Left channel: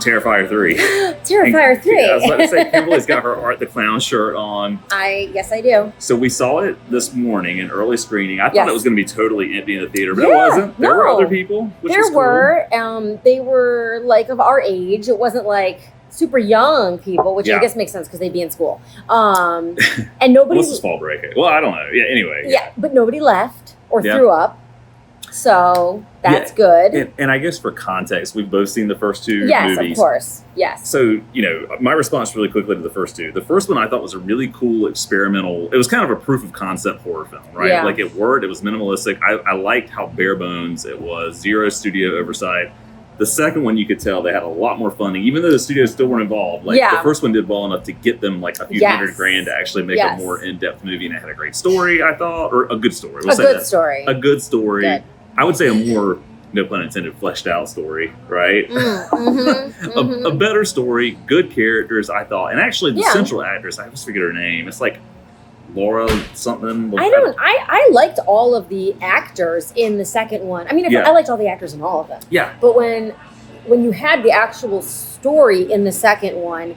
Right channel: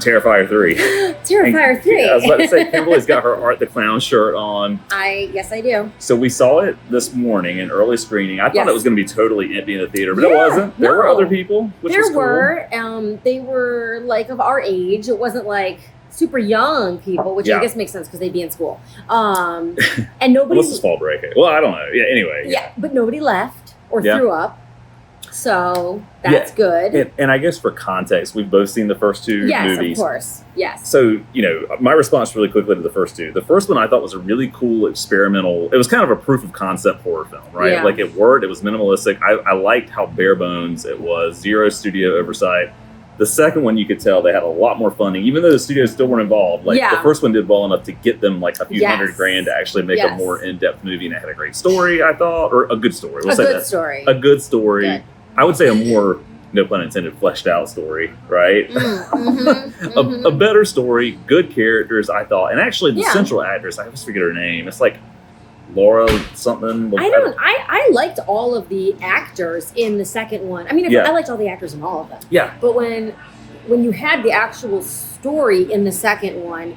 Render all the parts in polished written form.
Terrifier 3. Terrifier 3. I was about to say, Kimberly's got her Art the Clown shirt on. Yes, I do. So we saw it this morning in early screening. I thought it was going to be totally empty in the theater, but it wasn't. There were other people, which was cool. There were. They were like of our age. It wasn't like super young people, which I guess makes sense because they'd be in school. And nobody. Unless it's fall break. Well, I don't know. Yeah. Anyway. Yeah, but nobody left or threw up. So that's good. And I guess for context, we've both seen the first two movies. Yes, of course. Yes. So, my response really quickly to the first two. The first one I thought was a really cool experimental. It was kind of a proof of concept horror film, right? Yeah. Like it worked. It was minimalistic. I liked how bare bones it was. Zero studio oversight. The second one, you could tell they had a lot more funding, even though the studios still weren't involved. Like the first one did well enough to get them like a few $100,000 to actually make a more in-depth movie, and it had a great story, I thought, or a good story. A good story. A good story. Good. I would say a more, no pun intended, fleshed out story, right? A better story, good characters, I thought, and actually the central actress, I always forget her name. It's like Laura something. I liked all of the actors in the second one. I mean, I liked all the actors in all of them. Yeah. But when you had the actual story in the second one,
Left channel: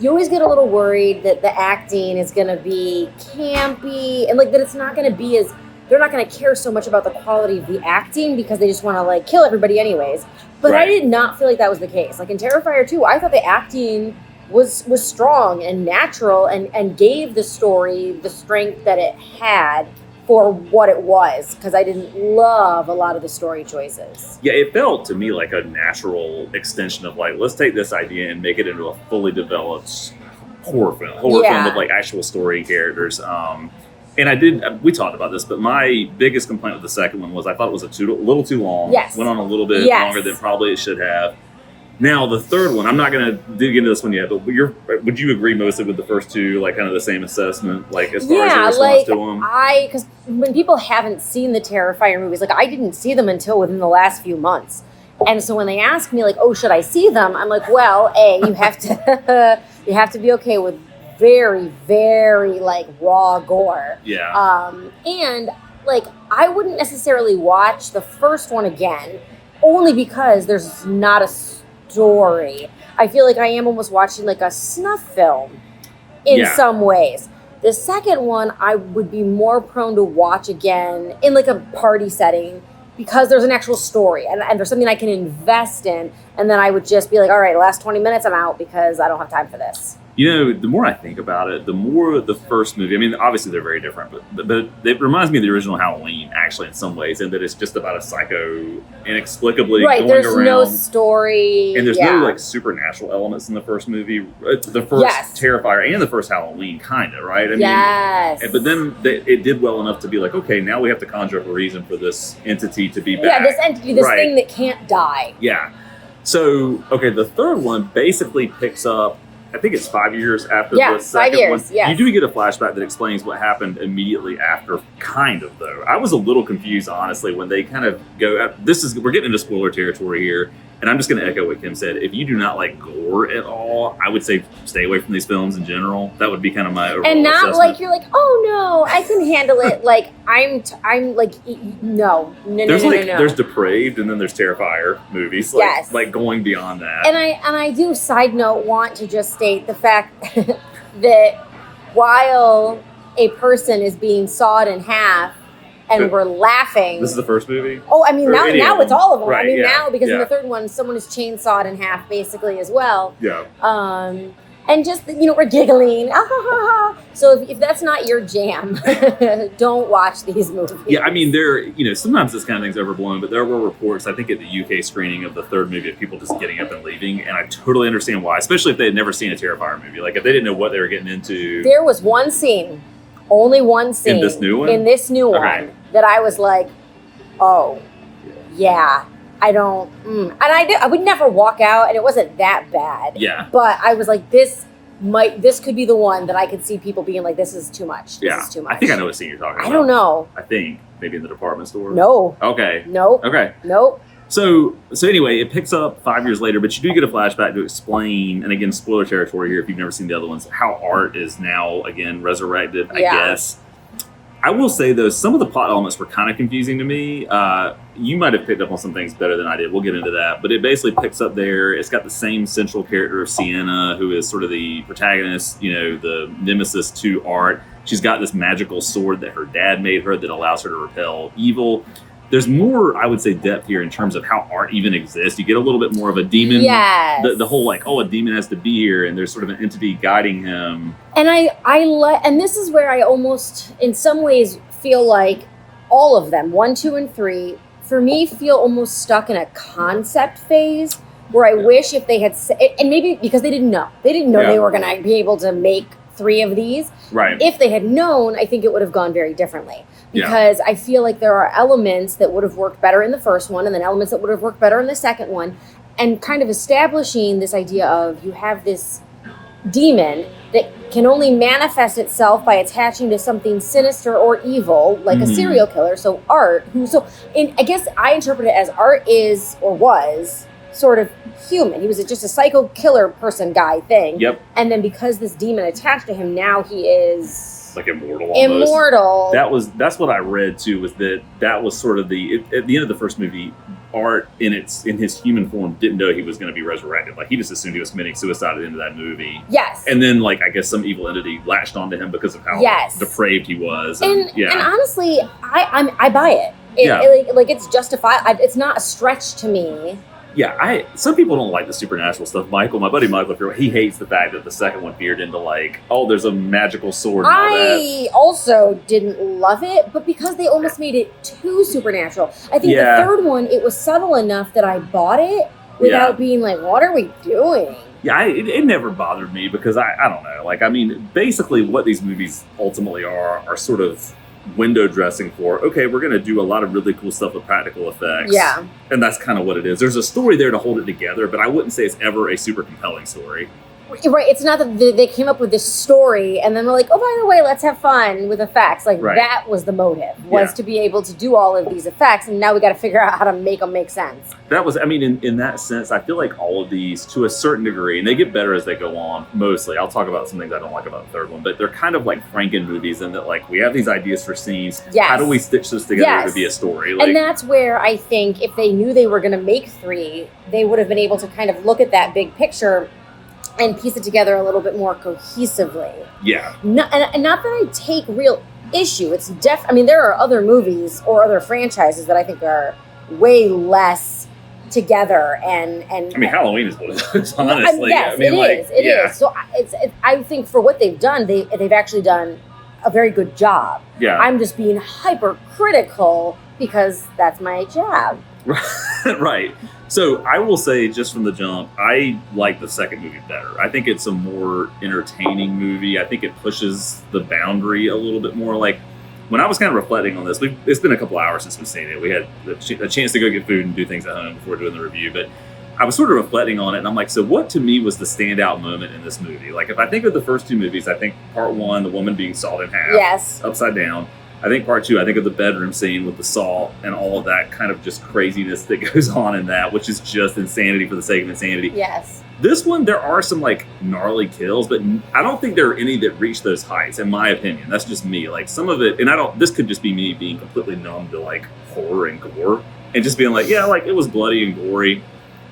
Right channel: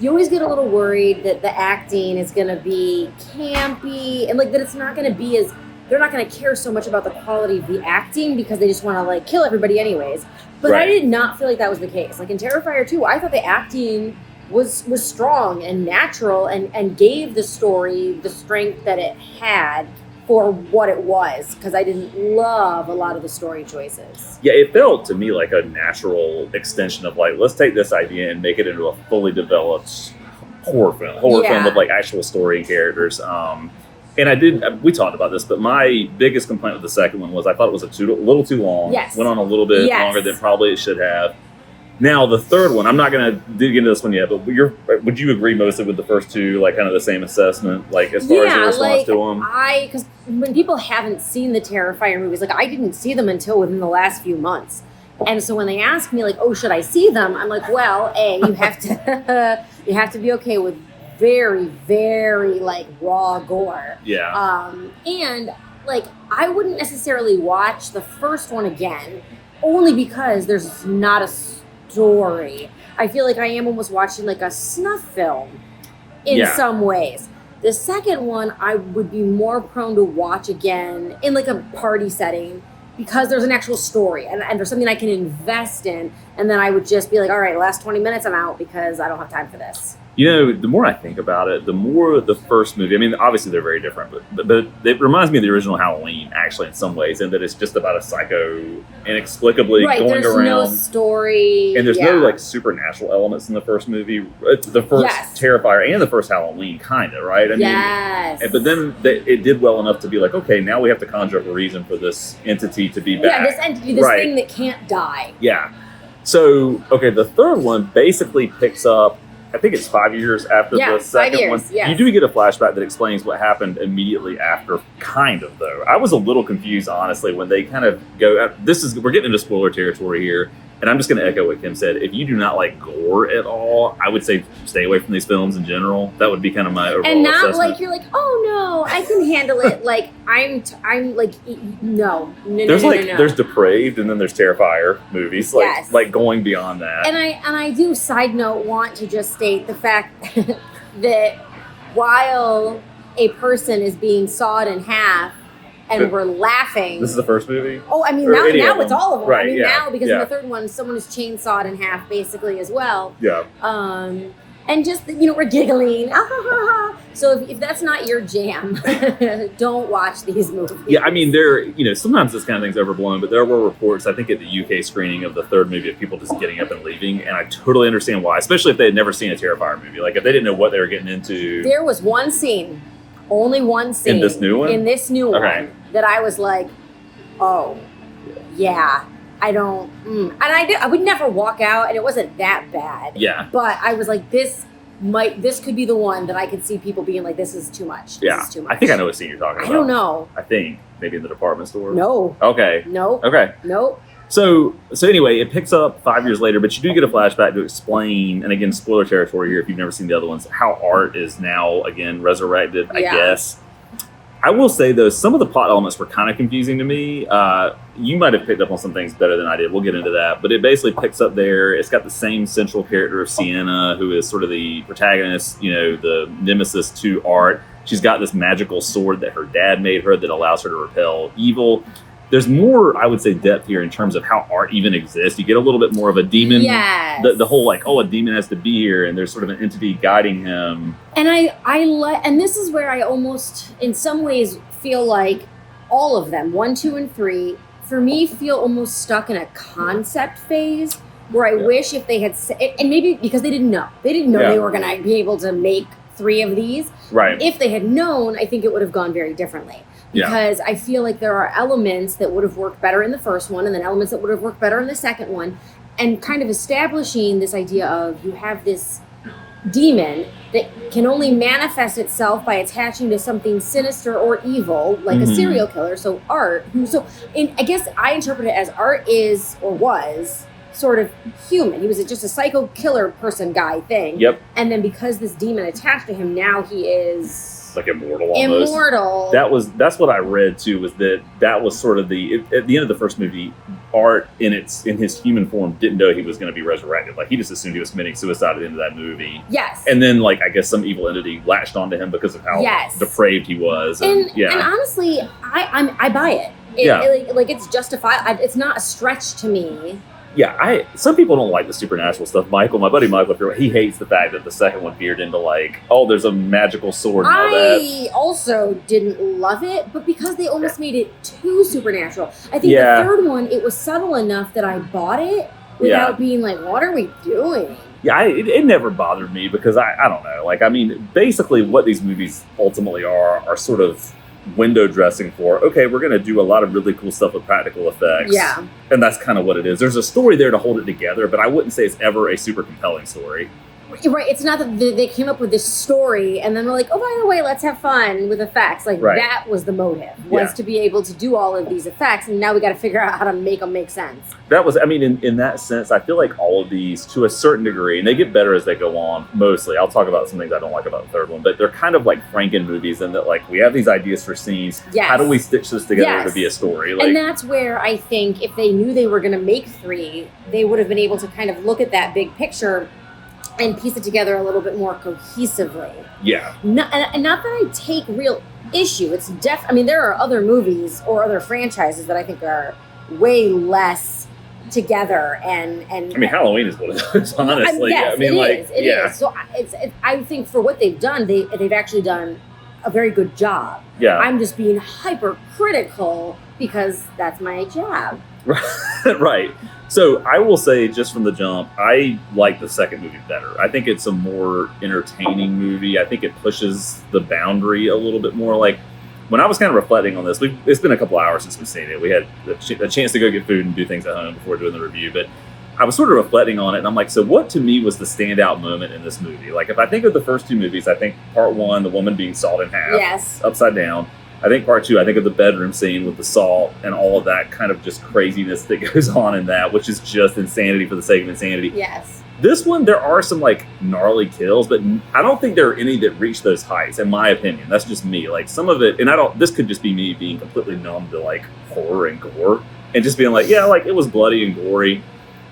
you always get a little worried that the acting is going to be campy and like that it's not going to be as, they're not going to care so much about the quality of the acting because they just want to like kill everybody anyways. But I did not feel like that was the case. Like in Terrifier 2, I thought the acting was strong and natural and gave the story the strength that it had for what it was, because I didn't love a lot of the story choices. Yeah, it felt to me like a natural extension of like, let's take this idea and make it into a fully developed horror film with like actual story and characters. And we talked about this, but my biggest complaint with the second one was I thought it was a little too long. Yes. Went on a little bit longer than probably it should have. Now, the third one, I'm not going to dig into this one yet, but would you agree mostly with the first two, like kind of the same assessment, like as far as your response to them? Because when people haven't seen the Terrifier movies, like I didn't see them until within the last few months. And so when they ask me like, oh, should I see them? I'm like, well, you have to, you have to be okay with very, very like raw gore. Yeah. And like, I wouldn't necessarily watch the first one again, only because there's not a story. I feel like I am almost watching like a snuff film in some ways. The second one I would be more prone to watch again in like a party setting because there's an actual story and there's something I can invest in, and then I would just be like, all right, last 20 minutes I'm out because I don't have time for this. You know, the more I think about it, the more the first movie, I mean, obviously they're very different, but it reminds me of the original Halloween, actually, in some ways, in that it's just about a psycho inexplicably going there's around. No story. And there's no, like, supernatural elements in the first movie. The first Terrifier and the first Halloween, kind of, right? I mean, but then it did well enough to be like, okay, now we have to conjure up a reason for this entity to be back. Yeah, this entity, this thing that can't die. Yeah. So, okay, the third one basically picks up, I think it's 5 years after the second one. Yes. You do get a flashback that explains what happened immediately after, kind of, though. I was a little confused, honestly, when they kind of go, we're getting into spoiler territory here, and I'm just going to echo what Kim said. If you do not like gore at all, I would say stay away from these films in general. That would be kind of my overall and not assessment. Like you're like, oh no, I can handle it. Like I'm like, no. There's Depraved, and then there's Terrifier movies, like going beyond that. And I do, side note, want to just state the fact that while a person is being sawed in half and we're laughing. This is the first movie? Oh, I mean, now it's all of them. Right, I mean, now, because in the third one, someone is chainsawed in half, basically, as well. Yeah. And just, we're giggling. Ah, ha, ha, ha. So if that's not your jam, don't watch these movies. Yeah, I mean, sometimes this kind of thing's overblown, but there were reports, I think, at the UK screening of the third movie of people just getting up and leaving, and I totally understand why, especially if they had never seen a Terrifier movie. Like, if they didn't know what they were getting into. There was one scene. Only one scene. In this new one? In this new one that I was like, oh, yeah, I don't. And I would never walk out, and it wasn't that bad. Yeah. But I was like, this could be the one that I could see people being like, this is too much. This is too much. I think I know what scene you're talking about. I don't know. I think maybe in the department store. No. Okay. Nope. Okay. Nope. So anyway, it picks up 5 years later, but you do get a flashback to explain, and again, spoiler territory here if you've never seen the other ones, how Art is now, again, resurrected, I guess. I will say, though, some of the plot elements were kind of confusing to me. You might have picked up on some things better than I did. We'll get into that. But it basically picks up there. It's got the same central character of Sienna, who is sort of the protagonist, the nemesis to Art. She's got this magical sword that her dad made her that allows her to repel evil. There's more, I would say, depth here in terms of how Art even exists. You get a little bit more of a demon. Yes. The whole a demon has to be here, and there's sort of an entity guiding him. And and this is where I almost, in some ways, feel like all of them, 1, 2, and 3, for me, feel almost stuck in a concept phase where I wish if they had, and maybe because they didn't know they were going to be able to make 3 of these. Right. If they had known, I think it would have gone very differently. Because I feel like there are elements that would have worked better in the first one and then elements that would have worked better in the second one. And kind of establishing this idea of you have this demon that can only manifest itself by attaching to something sinister or evil, like a serial killer. So Art, I guess I interpret it as Art is or was sort of human. He was just a psycho killer person guy thing. Yep. And then because this demon attached to him, now he is... like immortal almost. Immortal. That's what I read too, was that was sort of at the end of the first movie, Art in his human form didn't know he was going to be resurrected. Like he just assumed he was committing suicide at the end of that movie. Yes. And then I guess some evil entity latched onto him because of how depraved he was. And honestly, I buy it. It's justified. It's not a stretch to me. Yeah, some people don't like the supernatural stuff. My buddy Michael, he hates the fact that the second one veered into there's a magical sword and all that. I also didn't love it, but because they almost made it too supernatural. I think the third one, it was subtle enough that I bought it without being like, what are we doing? Yeah, it never bothered me because I don't know. Basically what these movies ultimately are sort of window dressing for, okay, we're going to do a lot of really cool stuff with practical effects. Yeah. And that's kind of what it is. There's a story there to hold it together, but I wouldn't say it's ever a super compelling story. Right. It's not that they came up with this story and then they're like, oh, by the way, let's have fun with effects. That was the motive, was to be able to do all of these effects. And now we got to figure out how to make them make sense. That was, in that sense, I feel like all of these, to a certain degree, and they get better as they go on, mostly. I'll talk about some things I don't like about the third one, but they're kind of like Franken movies in that, we have these ideas for scenes. Yes. How do we stitch this together to be a story? And that's where I think if they knew they were going to make 3, they would have been able to kind of look at that big picture and piece it together a little bit more cohesively. Yeah. Not that I take real issue. It's there are other movies or other franchises that I think are way less together and Halloween is one of those, honestly. Yes, it is. So I think for what they've done, they've actually done a very good job. Yeah. I'm just being hypercritical because that's my job. Right. So I will say, just from the jump, I like the second movie better. I think it's a more entertaining movie. I think it pushes the boundary a little bit more. When I was kind of reflecting on this, it's been a couple hours since we've seen it. We had a chance to go get food and do things at home before doing the review, but I was sort of reflecting on it, and I'm like, so what to me was the standout moment in this movie? If I think of the first 2 movies, I think part 1, the woman being sawed in half, upside down. I think part 2, I think of the bedroom scene with the salt and all of that kind of just craziness that goes on in that, which is just insanity for the sake of insanity. Yes. This one, there are some gnarly kills, but I don't think there are any that reach those heights, in my opinion. That's just me. Some of it, and this could just be me being completely numb to horror and gore and just being it was bloody and gory.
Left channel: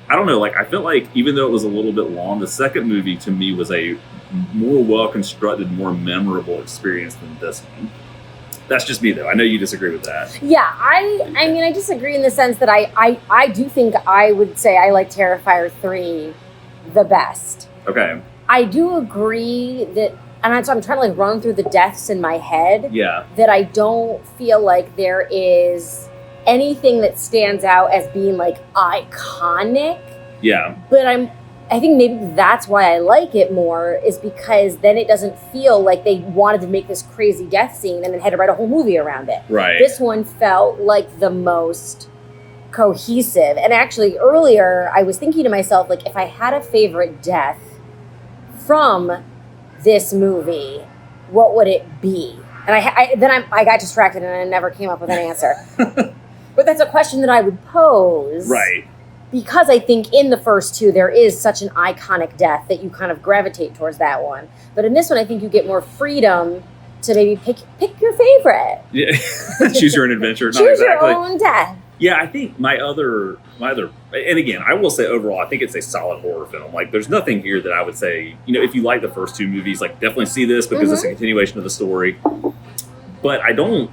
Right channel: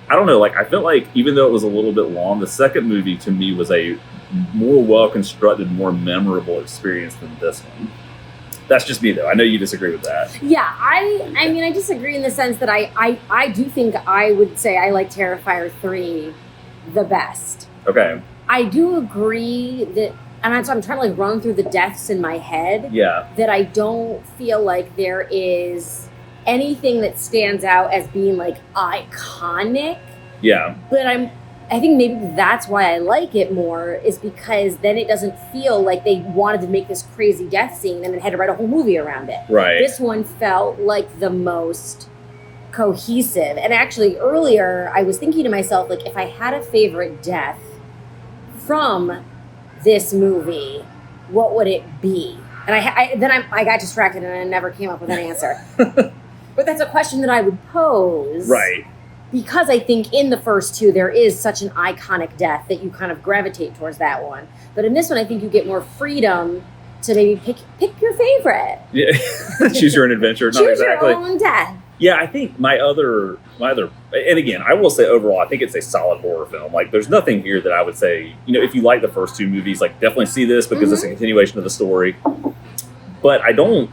I don't know, I felt like even though it was a little bit long, the second movie to me was a more well-constructed, more memorable experience than this one. That's just me, though. I know you disagree with that. Yeah, I disagree in the sense that I do think I would say I like Terrifier 3 the best. Okay. I do agree that, and I'm trying to run through the deaths in my head. Yeah. That I don't feel like there is anything that stands out as being iconic. Yeah. But I think maybe that's why I like it more, is because then it doesn't feel like they wanted to make this crazy death scene and then had to write a whole movie around it. Right. This one felt like the most cohesive. And actually earlier I was thinking to myself, if I had a favorite death from this movie, what would it be? And I got distracted and I never came up with an answer. But that's a question that I would pose. Right. Because I think in the first 2, there is such an iconic death that you kind of gravitate towards that one. But in this one, I think you get more freedom to maybe pick your favorite. Yeah, choose your own adventure. Not exactly. Your own death. Yeah, I think my other, and again, I will say overall, I think it's a solid horror film. Like, there's nothing here that I would say, if you like the first two movies, like, definitely see this because it's a continuation of the story. But I don't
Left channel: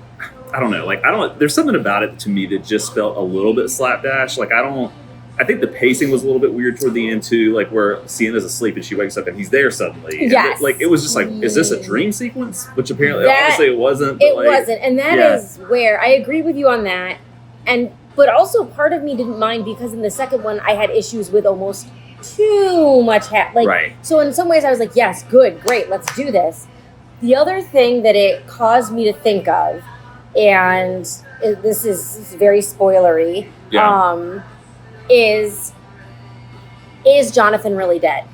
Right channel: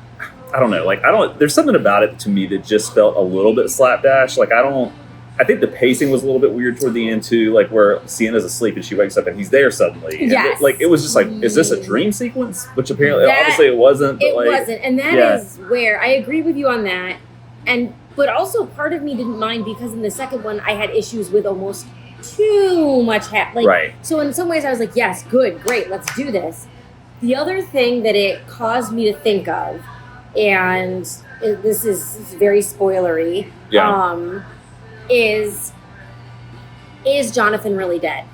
know. Like, there's something about it to me that just felt a little bit slapdash. Like, I think the pacing was a little bit weird toward the end too, like where Sienna's asleep and she wakes up and he's there suddenly. Yes. And it was just like, is this a dream sequence? Which apparently, obviously it wasn't. It wasn't. And that is where I agree with you on that. But also part of me didn't mind because in the second one, I had issues with almost too much. Right. So in some ways I was like, yes, good, great, let's do this. The other thing that it caused me to think of, and this is very spoilery, is Jonathan really dead?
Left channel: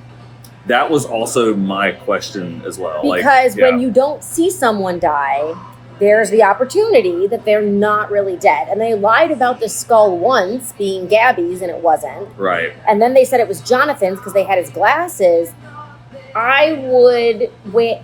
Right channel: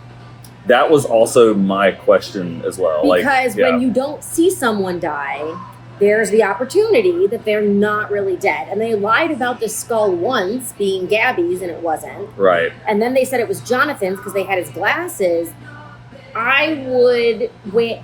That was also my question as well. Because when you don't see someone die, there's the opportunity that they're not really dead. And they lied about the skull once being Gabby's and it wasn't. Right. And then they said it was Jonathan's because they had his glasses. I would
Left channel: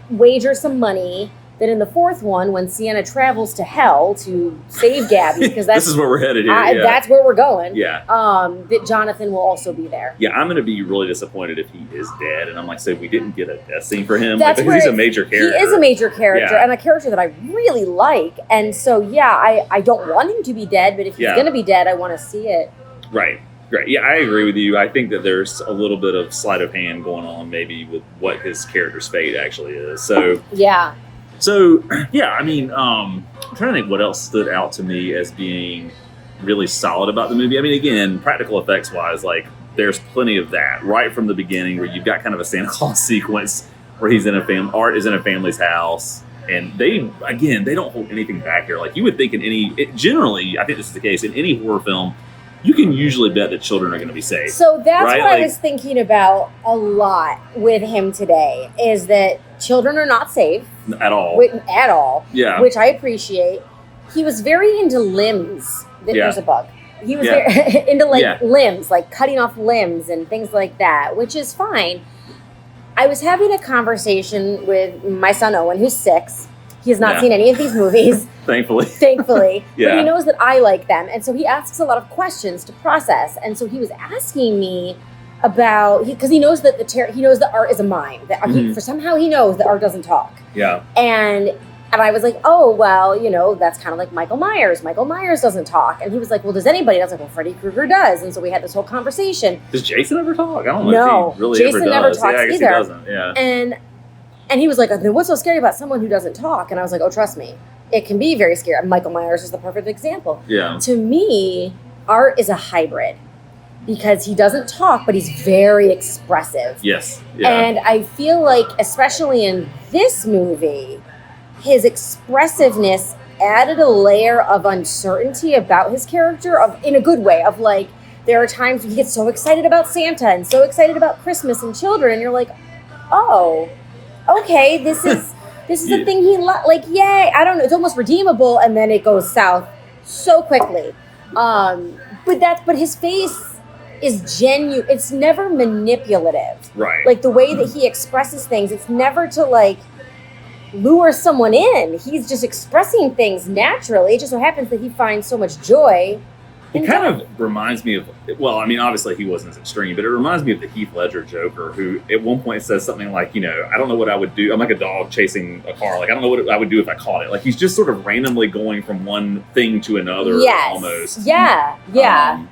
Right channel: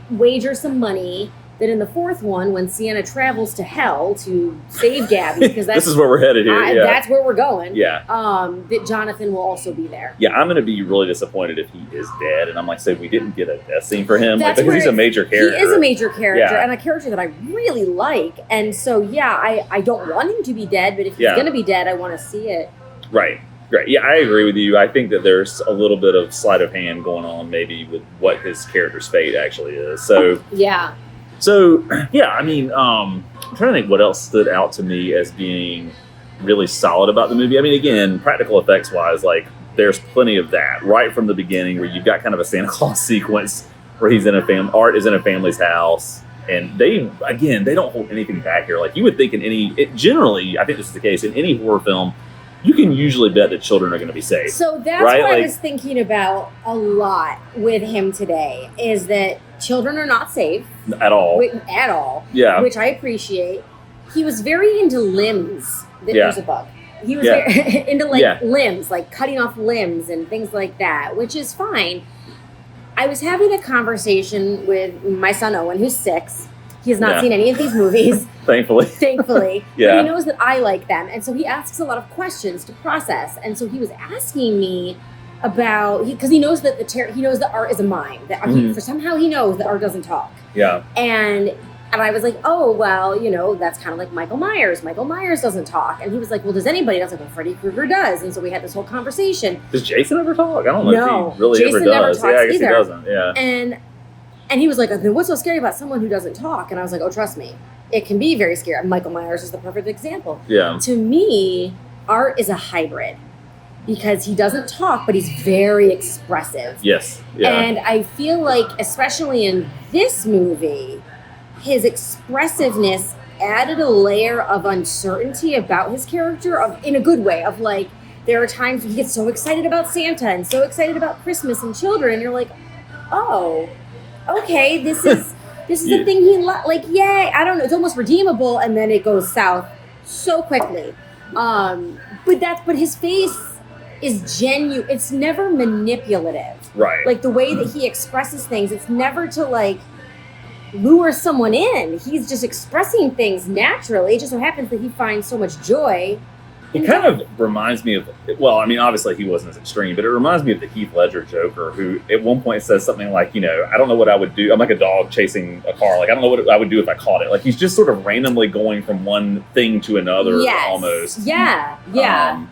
wager some money that in the fourth one, when Sienna travels to hell to save Gabby, because this is where we're headed here. That's where we're going. Yeah. That Jonathan will also be there. Yeah, I'm going to be really disappointed if he is dead, and I'm like, say we didn't get a death scene for him because he's a major character. He is a major character, and a character that I really like, and so I don't want him to be dead, but if he's going to be dead, I want to see it. Right. Great. Yeah, I agree with you. I think that there's a little bit of sleight of hand going on, maybe with what his character's fate actually is. So yeah. So, yeah, I mean, I'm trying to think what else stood out to me as being really solid about the movie. I mean, again, practical effects-wise, like, there's plenty of that right from the beginning where you've got kind of a Santa Claus sequence where he's in Art is in a family's house. And they don't hold anything back here. Like, you would think generally, I think this is the case, in any horror film, you can usually bet that children are going to be safe. So that's what I was thinking about a lot with him today, is that children are not safe. At all. At all. Yeah. Which I appreciate. He was very into limbs. There's a bug. He was very into limbs, like cutting off limbs and things like that, which is fine. I was having a conversation with my son Owen, who's 6. He has not seen any of these movies. Thankfully. Yeah. But he knows that I like them. And so he asks a lot of questions to process. And so he was asking me about, because he knows that art is a mind. That for somehow he knows that art doesn't talk. Yeah. And I was like, oh, well, that's kind of like Michael Myers. Michael Myers doesn't talk. And he was like, well, does anybody? And I was like, well, Freddy Krueger does. And so we had this whole conversation. Does Jason ever talk? I don't know if he really Jason ever does. Never talks I guess either. he doesn't. Yeah. And he was like, then what's so scary about someone who doesn't talk? And I was like, oh, trust me, it can be very scary. Michael Myers is the perfect example. Yeah. To me, Art is a hybrid because he doesn't talk, but he's very expressive. Yes. Yeah. And I feel like, especially in this movie, his expressiveness added a layer of uncertainty about his character, in a good way, of like, there are times when he gets so excited about Santa and so excited about Christmas and children, and you're like, oh, okay, this is the thing he yay, I don't know, it's almost redeemable, and then it goes south so quickly. But his face is genuine. It's never manipulative. Right. Like the way that he expresses things, it's never to lure someone in. He's just expressing things naturally. It just so happens that he finds so much joy. It kind of reminds me of, well, I mean, obviously he wasn't as extreme, but it reminds me of the Heath Ledger Joker, who at one point says something like, I don't know what I would do. I'm like a dog chasing a car. Like, I don't know what I would do if I caught it. Like, he's just sort of randomly going from one thing to another almost. Yeah, yeah.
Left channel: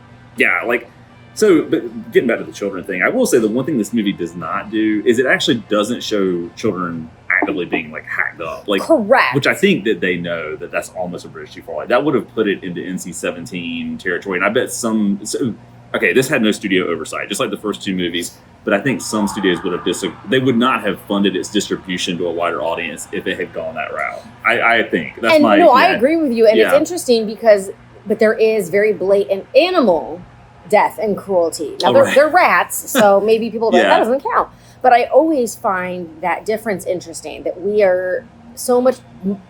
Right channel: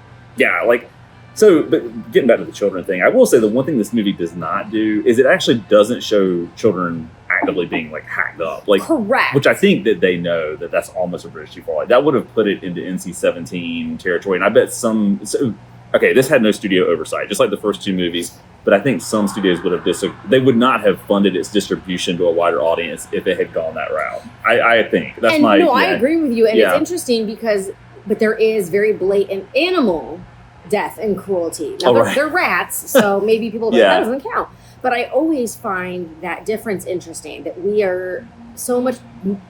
So, but getting back to the children thing, I will say the one thing this movie does not do is it actually doesn't show children actively being hacked up. Correct. Which I think that they know that that's almost a bridge too far. That would have put it into NC-17 territory. And I bet this had no studio oversight, just like the first two movies. But I think some studios would have they would not have funded its distribution to a wider audience if it had gone that route. I think that's I agree with you. And it's interesting but there is very blatant animal death and cruelty. Now, they're rats, so maybe people that doesn't count. But I always find that difference interesting, that we are so much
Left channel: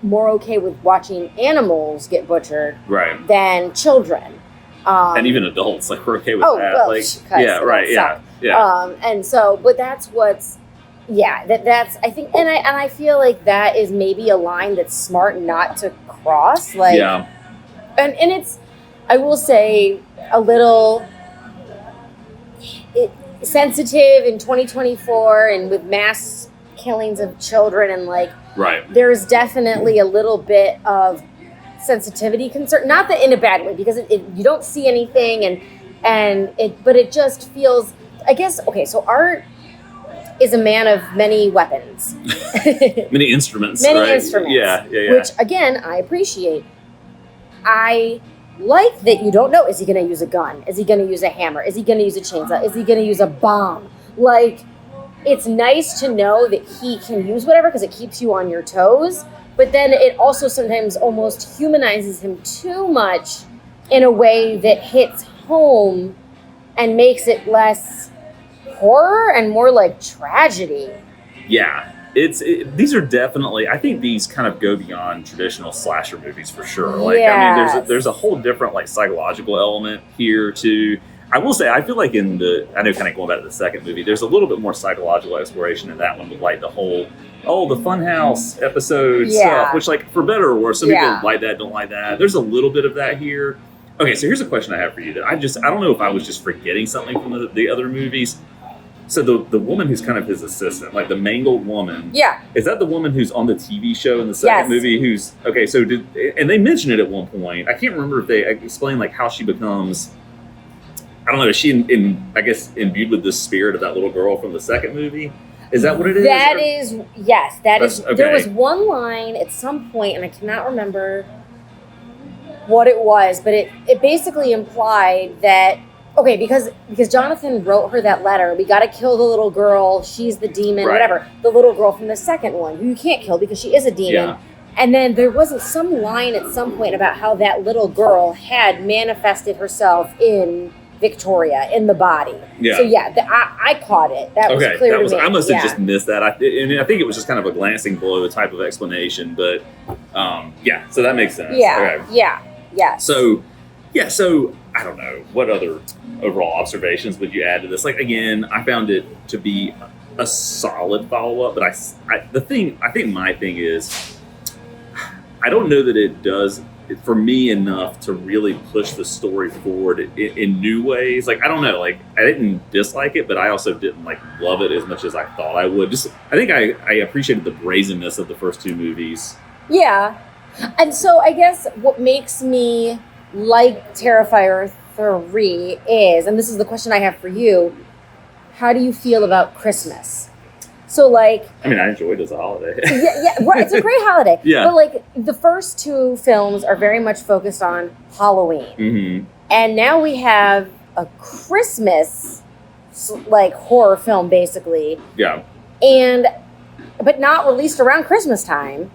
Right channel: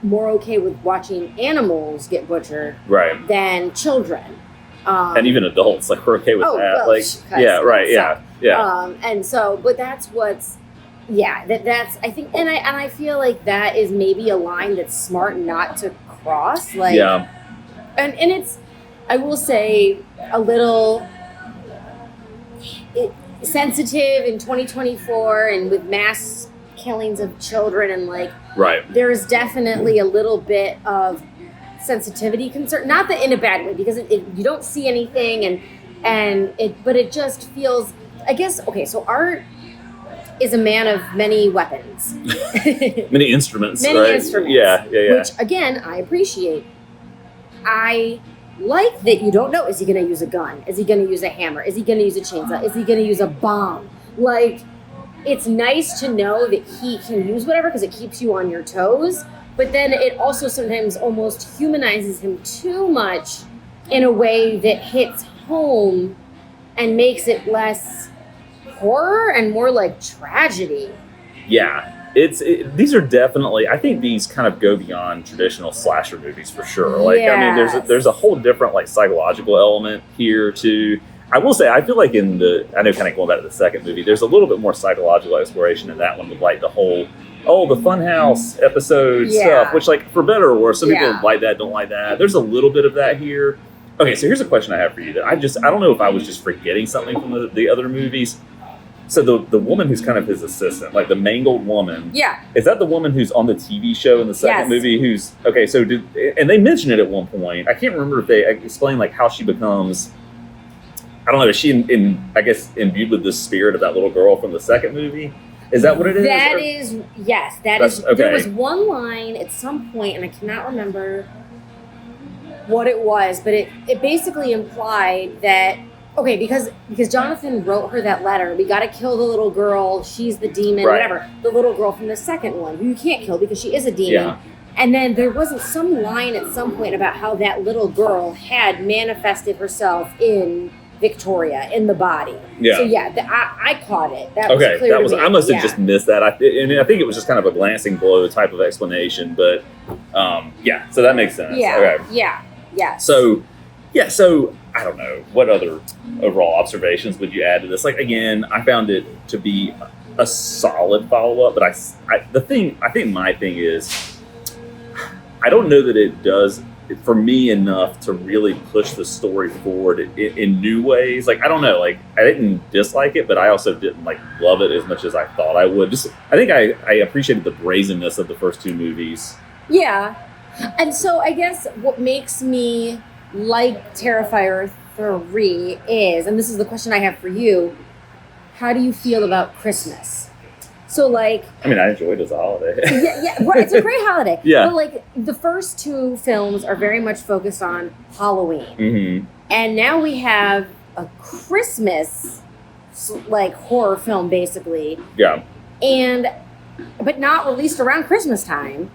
more okay with watching animals get butchered than children. And even adults, we're okay with that. And so, but that's what's Yeah, that's I think, and I feel like that is maybe a line that's smart not to cross. Like, yeah, and it's, I will say, a little sensitive in 2024, and with mass killings of children, and like, right. There's definitely a little bit of sensitivity concern, not that in a bad way, because you don't see anything, but it just feels, I guess, okay, so Art is a man of many weapons. Many instruments, many right? instruments. Yeah. Which, again, I appreciate. I like that you don't know, is he going to use a gun? Is he going to use a hammer? Is he going to use a chainsaw? Is he going to use a bomb? Like, it's nice to know that he can use whatever because it keeps you on your toes, but then it also sometimes almost humanizes him too much in a way that hits home and makes it less horror and more like tragedy. Yeah. These are definitely, I think these kind of go beyond traditional slasher movies for sure. Like, yes. I mean, there's a whole different like psychological element here too. I will say, I feel like I know kind of going back to the second movie, there's a little bit more psychological exploration in that one with like the whole, the Funhouse episode stuff, which like for better or worse, some people like that, don't like that. There's a little bit of that here. Okay, so here's a question I have for you that I don't know if I was just forgetting something from the other movies. So the woman who's kind of his assistant, like the mangled woman. Yeah. Is that the woman who's on the TV show in the second movie? Who's, okay, so and they mentioned it at one point. I can't remember if they explained like how she becomes, I don't know, is she I guess imbued with the spirit of that little girl from the second movie? Is that what it is? That is, yes. That's okay. There was one line at some point, and I cannot remember what it was, but it basically implied that, okay, because Jonathan wrote her that letter, we got to kill the little girl, she's the demon, whatever. The little girl from the second one, who you can't kill because she is a demon. Yeah. And then there wasn't some line at some point about how that little girl had manifested herself in Victoria, in the body. Yeah. So I caught it. That was clear to me. I must have just missed that. I think it was just kind of a glancing blow type of explanation, but so that makes sense. Yeah. Okay. Yeah. Yes. So I don't know, what other overall observations would you add to this? Like, again, I found it to be a solid follow-up, but I think my thing is, I don't know that it does, for me, enough to really push the story forward in new ways. Like, I don't know, like, I didn't dislike it, but I also didn't, like, love it as much as I thought I would. I think I appreciated the brazenness of the first two movies. Yeah. And so I guess what makes me like Terrifier 3 is, and this is the question I have for you, how do you feel about Christmas? So, like, I mean, I enjoyed it as a holiday. Well, it's a great holiday. Yeah. But, like, the first two films are very much focused on Halloween. Mm-hmm. And now we have a Christmas, like, horror film, basically. Yeah. But not released around Christmas time.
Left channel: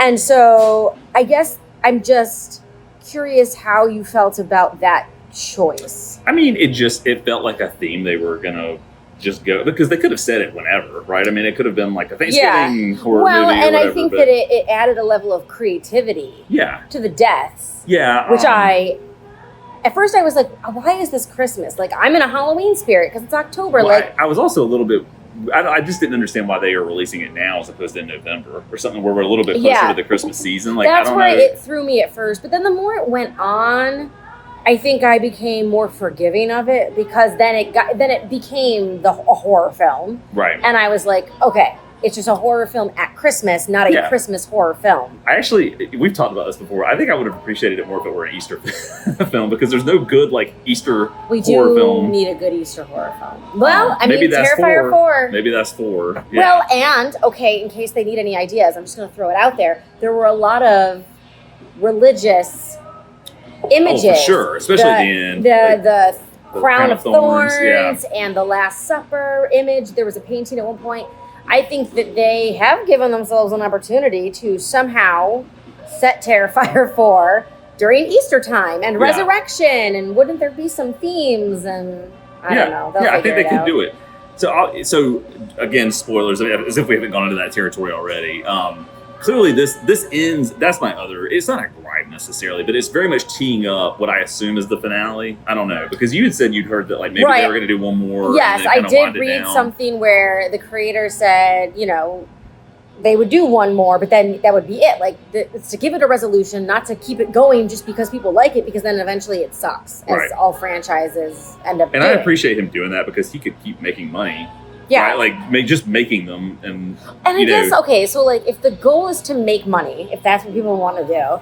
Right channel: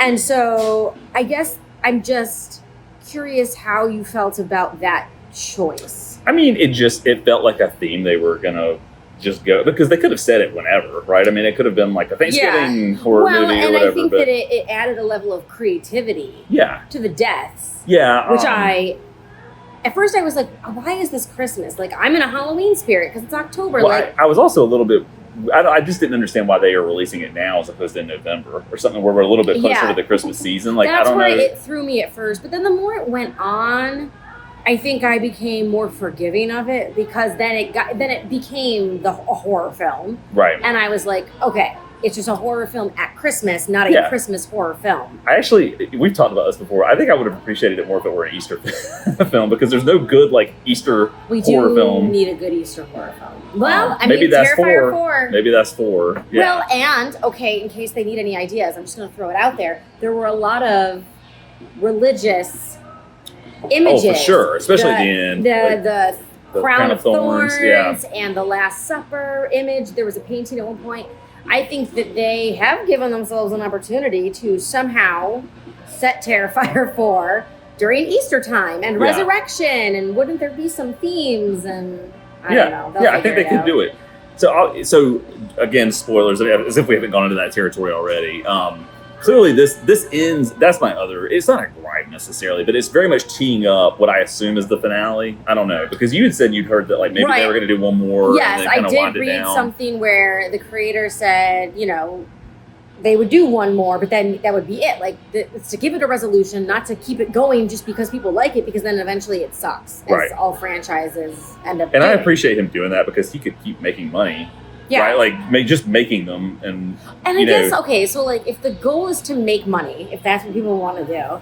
And so, I guess I'm just curious how you felt about that choice. I mean, it felt like a theme they were going to just go, because they could have said it whenever, right? I mean, it could have been like a Thanksgiving horror movie or whatever. I think that it added a level of creativity to the deaths. Yeah. Which at first I was like, why is this Christmas? Like, I'm in a Halloween spirit because it's October. Well, like, I was also a little bit, I just didn't understand why they are releasing it now as opposed to in November or something where we're a little bit closer to the Christmas season. Like, I don't know. It threw me at first, but then the more it went on, I think I became more forgiving of it, because then it became a horror film. Right. And I was like, okay, it's just a horror film at Christmas, not a Christmas horror film. We've talked about this before. I think I would have appreciated it more if it were an Easter film, because there's no good, like, Easter horror film. We do need a good Easter horror film. Well, maybe that's Terrifier 4. Maybe that's 4. Yeah. Well, and, okay, in case they need any ideas, I'm just going to throw it out there. There were a lot of religious images. Oh, for sure, especially at the end. The Crown of Thorns and the Last Supper image. There was a painting at one point. I think that they have given themselves an opportunity to somehow set Terrifier 4 during Easter time and resurrection, and wouldn't there be some themes? And I don't know. I think they could do it. So again, spoilers, as if we haven't gone into that territory already. clearly this ends. That's my other. It's not a gripe necessarily, but it's very much teeing up what I assume is the finale. I don't know, because you had said you'd heard that like maybe they were going to do one more. Yes, and then I did read something where the creator said, they would do one more, but then that would be it. Like, it's to give it a resolution, not to keep it going just because people like it, because then eventually it sucks, as all franchises end up doing. I appreciate him doing that because he could keep making money. Yeah. Right? Like, just making them. And I guess, okay, so, like, if the goal is to make money, if that's what people want to do,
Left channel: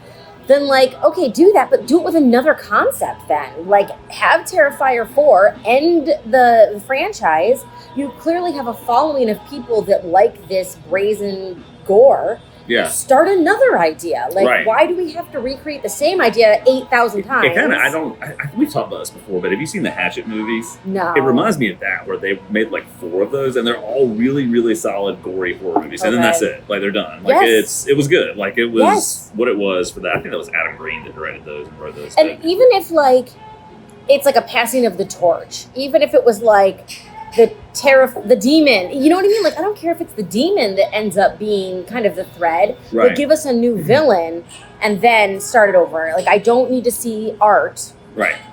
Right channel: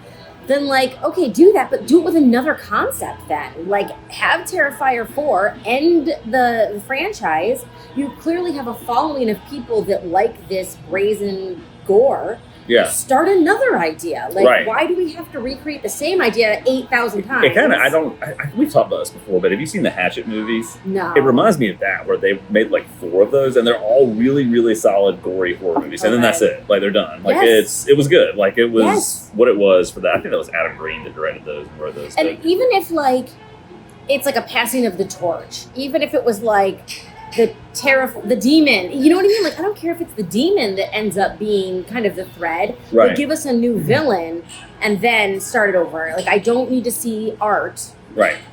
then, like, okay, do that, but do it with another concept then. Like, have Terrifier 4 end the franchise. You clearly have a following of people that like this brazen gore. Yeah. Start another idea. Like, why do we have to recreate the same idea 8,000 times? It kind of, we've talked about this before, but have you seen the Hatchet movies? No. It reminds me of that, where they made like 4 of those, and they're all really, really solid, gory horror movies. And then that's it. Like, they're done. Like, it was good. Like, it was what it was for that. I think that was Adam Green that directed those and wrote those. And even if, like, it's like a passing of the torch, even if it was like the demon, you know what I mean? Like, I don't care if it's the demon that ends up being kind of the thread, but give us a new villain and then start it over. Like, I don't need to see art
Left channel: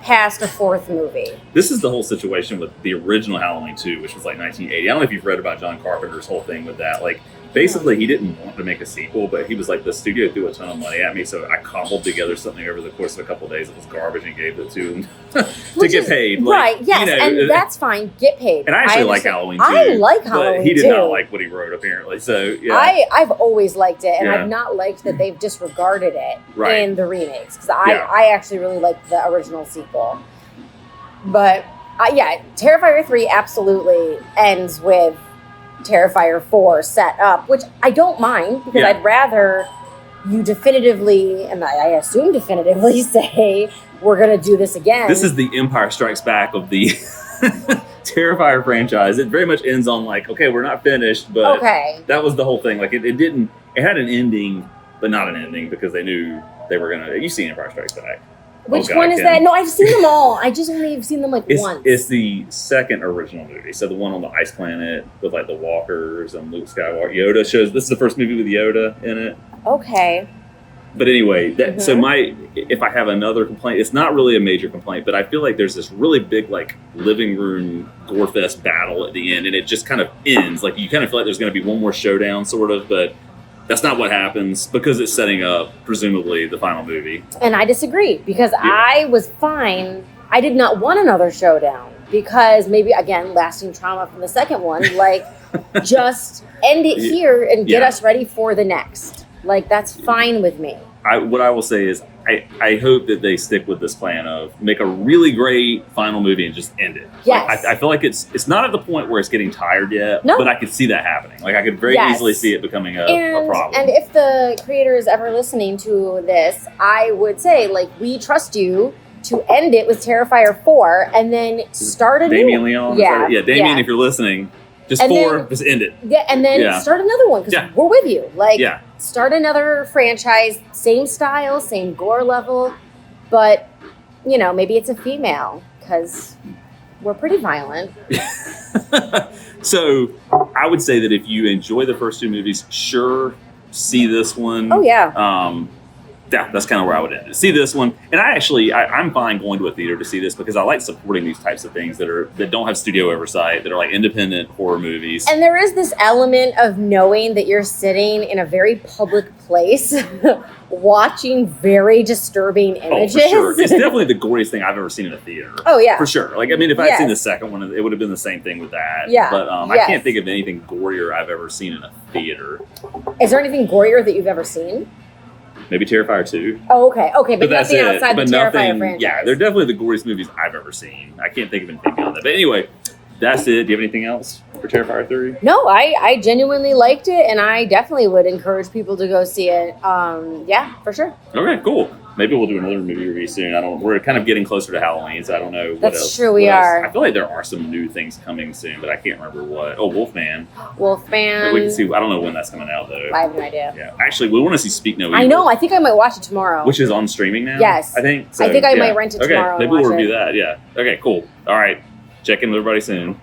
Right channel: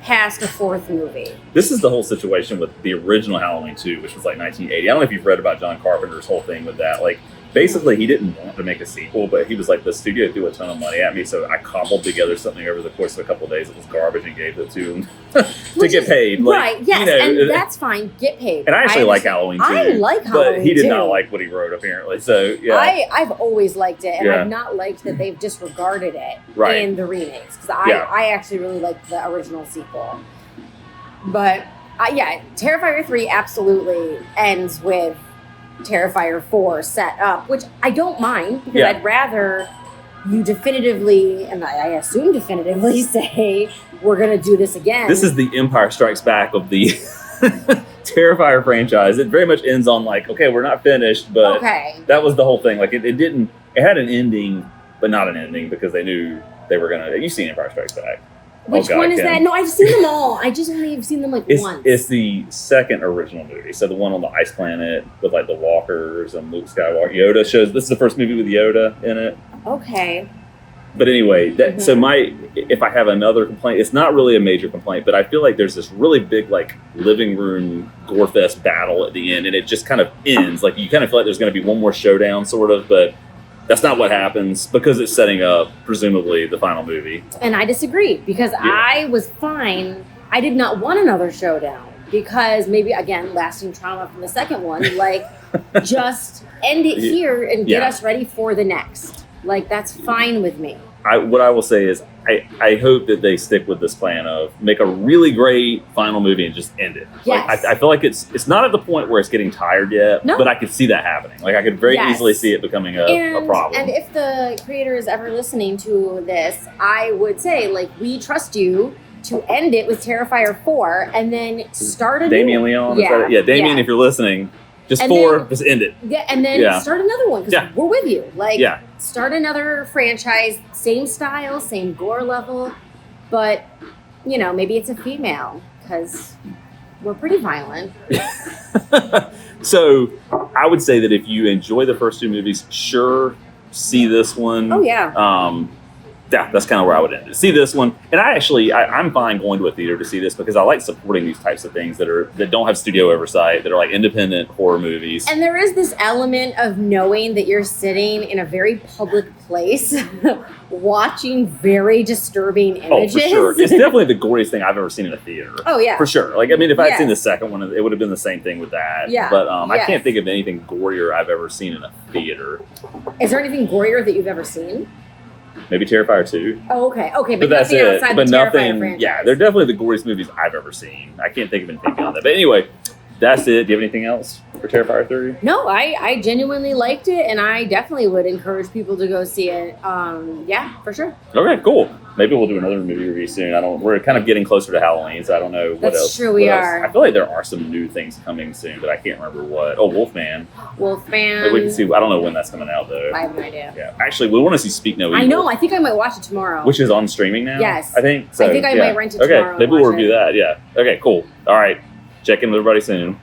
past a 4th movie. This is the whole situation with the original Halloween 2, which was like 1980. I don't know if you've read about John Carpenter's whole thing with that. Like, basically, he didn't want to make a sequel, but he was like, the studio threw a ton of money at me, so I cobbled together something over the course of a couple of days. It was garbage and gave it to him to get paid. Like, yes, and that's fine. Get paid. And I actually like Halloween 2. I like Halloween 2. But he did not like what he wrote, apparently. So, yeah. I've always liked it, and I've not liked that they've disregarded it in the remakes, because I actually really liked the original sequel. But, Terrifier 3 absolutely ends with Terrifier 4 set up, which I don't mind, because I'd rather you definitively, and I assume definitively, say we're going to do this again. This is the Empire Strikes Back of the Terrifier franchise. It very much ends on like, okay, we're not finished, but that was the whole thing. Like, it had an ending, but not an ending, because they knew they were going to. You've seen Empire Strikes Back. Which one is that? No, I've seen them all. I just only have seen them once. It's the second original movie. So the one on the ice planet with like the walkers and Luke Skywalker. Yoda shows. This is the first movie with Yoda in it. Okay. But anyway, so if I have another complaint, it's not really a major complaint, but I feel like there's this really big like living room gore fest battle at the end, and it just kind of ends. Like, you kind of feel like there's going to be one more showdown, sort of, but that's not what happens, because it's setting up, presumably, the final movie. And I disagree, because I was fine. I did not want another showdown, because maybe, again, lasting trauma from the second one, like, just end it here and get us ready for the next. Like, that's fine with me. What I will say is, I hope that they stick with this plan of make a really great final movie and just end it. Yes. Like, I feel like it's not at the point where it's getting tired yet, but I could see that happening. Like, I could very easily see it becoming a problem. And if the creator is ever listening to this, I would say, like, we trust you to end it with Terrifier 4 and then start a Damien new Leon? Yeah, Damien, if you're listening, just end it. Yeah, and then start another one, because we're with you. Like, start another franchise, same style, same gore level, but, maybe it's a female, because we're pretty violent. So, I would say that if you enjoy the first 2 movies, sure, see this one. Oh, yeah. That's kind of where I would end it. See this one, and I'm fine going to a theater to see this, because I like supporting these types of things that don't have studio oversight, that are like independent horror movies. And there is this element of knowing that you're sitting in a very public place, watching very disturbing images. Oh, for sure. It's definitely the goriest thing I've ever seen in a theater. Oh, yeah. For sure. Like, I mean, if I'd seen the second one, it would have been the same thing with that. Yeah. But I can't think of anything gorier I've ever seen in a theater. Is there anything gorier that you've ever seen? Maybe Terrifier 2. Oh, okay. But that's it. But nothing. Franchise. Yeah, they're definitely the goriest movies I've ever seen. I can't think of anything beyond that. But anyway, that's it. Do you have anything else for Terrifier 3? No, I genuinely liked it, and I definitely would encourage people to go see it. Yeah, for sure. Okay, cool. Maybe we'll do another movie review soon. We're kind of getting closer to Halloween, so I don't know what else. That's true, we are. I feel like there are some new things coming soon, but I can't remember what. Oh, Wolfman. Wolfman. We can see. I don't know when that's coming out, though. I have no idea. Yeah, actually, we want to see Speak No Evil. I know. I think I might watch it tomorrow. Which is on streaming now. Yes. I think. So, I think I might rent it tomorrow. Okay, maybe we'll review that. Yeah. Okay, cool. All right. Check in with everybody soon.